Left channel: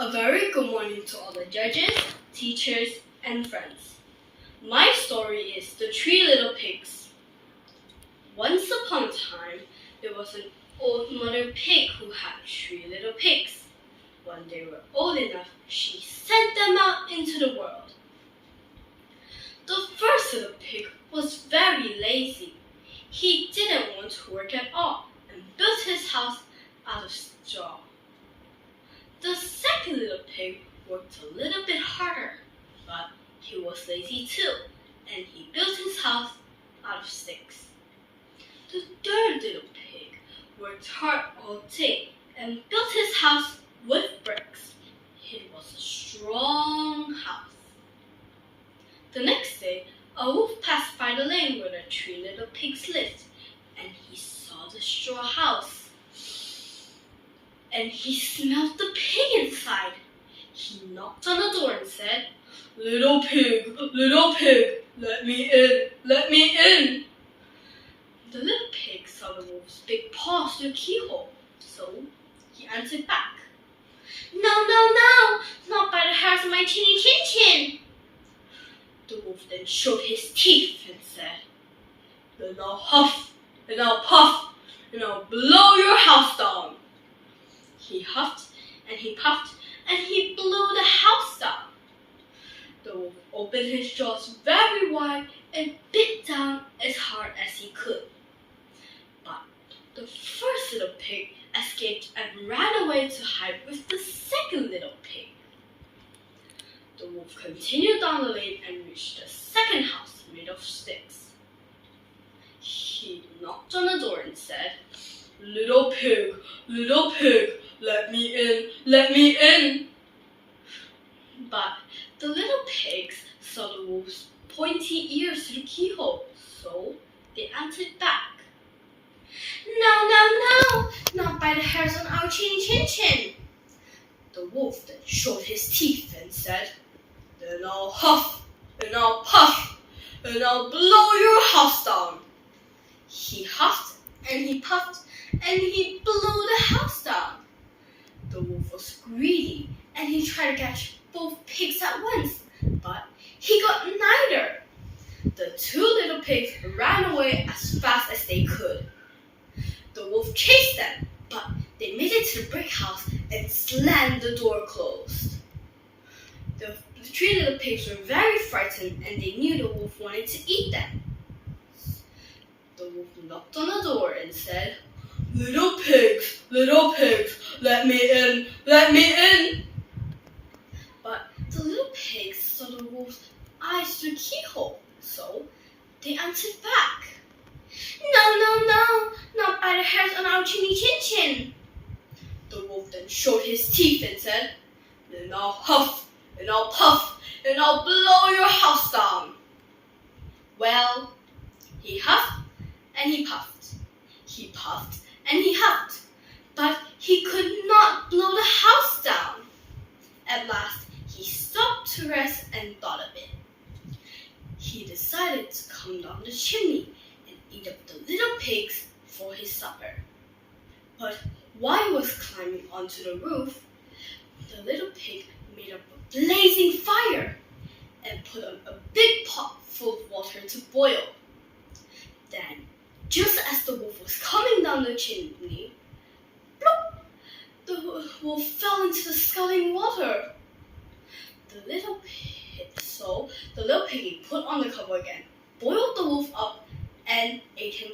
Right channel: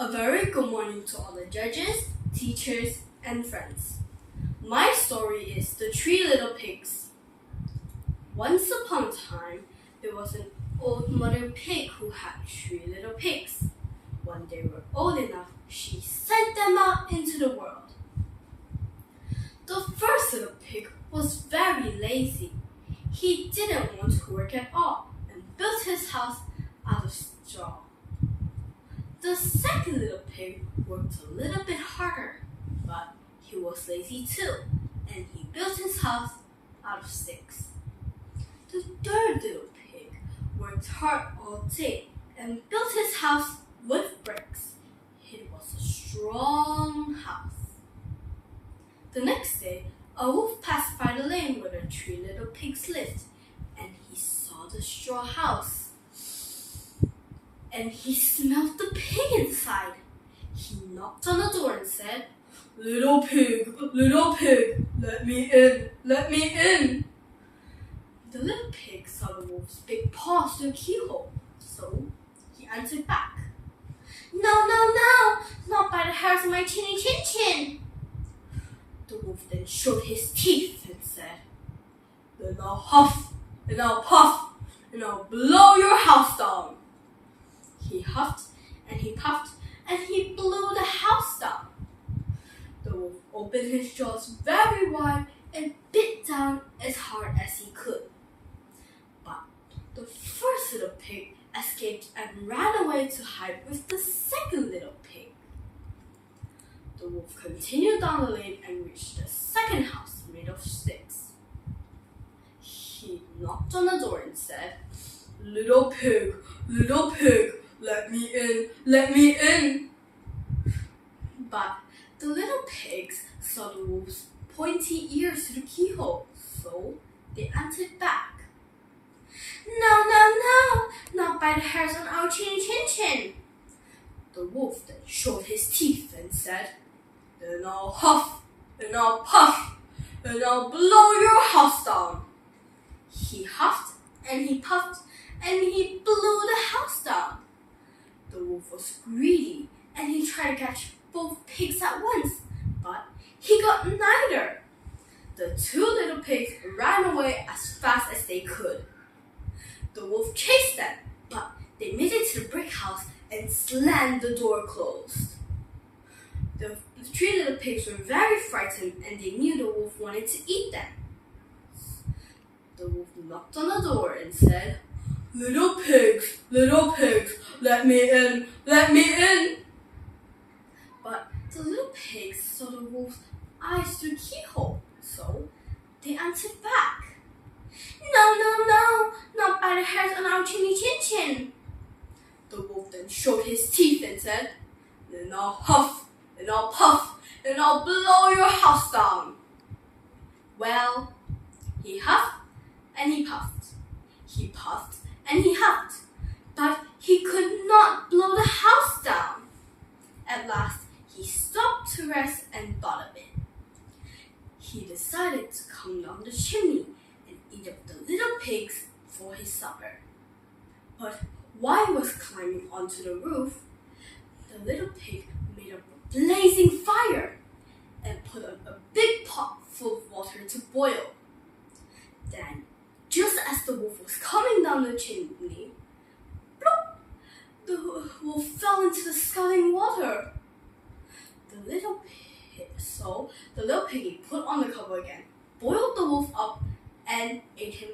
A very good morning to all the judges, teachers, and friends. My story is The Three Little Pigs. Once upon a time, there was an old mother pig who had 3 little pigs. When they were old enough, she sent them out into the world. The first little pig was very lazy. He didn't want to work at all and built his house out of straw. The second little pig worked a little bit harder, but he was lazy too, and he built his house out of sticks. The third little pig worked hard all day and built his house with bricks. It was a strong house. The next day, a wolf passed by the lane where the 3 little pigs lived, and he saw the straw house. And he smelled the pig inside. He knocked on the door and said, little pig, let me in, let me in." The little pig saw the wolf's big paws through the keyhole, so he answered back, "No, no, no, not by the hairs of my chinny chin chin." The wolf then showed his teeth and said, "Then I'll huff, and I'll puff, and I'll blow your house down." He huffed, and he puffed, and he blew the house down. The wolf opened his jaws very wide and bit down as hard as he could. But the first little pig escaped and ran away to hide with the second little pig. The wolf continued down the lane and reached the second house made of sticks. He knocked on the door and said, little pig, let me in, let me in." But the little pigs saw the wolf's pointy ears through the keyhole, so they answered back, "No, no, no, not by the hairs on our chin chin chin." The wolf then showed his teeth and said, "Then I'll huff, and I'll puff, and I'll blow your house down." He huffed, and he puffed, and he blew the house down. The wolf was greedy, and he tried to catch both pigs at once, but he got neither. The 2 little pigs ran away as fast as they could. The wolf chased them, but they made it to the brick house and slammed the door closed. The 3 little pigs were very frightened, and they knew the wolf wanted to eat them. The wolf knocked on the door and said, little pigs, let me in, let me in." But the little pigs saw the wolf's eyes through the keyhole, so they answered back, "No, no, no, not by the hairs on our chinny chin chin." The wolf then showed his teeth and said, "Then I'll huff, and I'll puff, and I'll blow your house down." Well, he huffed and he puffed. He puffed and he huffed, but he could not blow the house down. At last, he stopped to rest and thought a bit. He decided to come down the chimney and eat up the little pigs for his supper. But while he was climbing onto the roof, the little pig made up a blazing fire and put on a big pot full of water to boil. Then, just as the wolf was coming down the chimney, plop, the wolf fell into the scalding water. The little piggy put on the cover again, boiled the wolf up, and ate him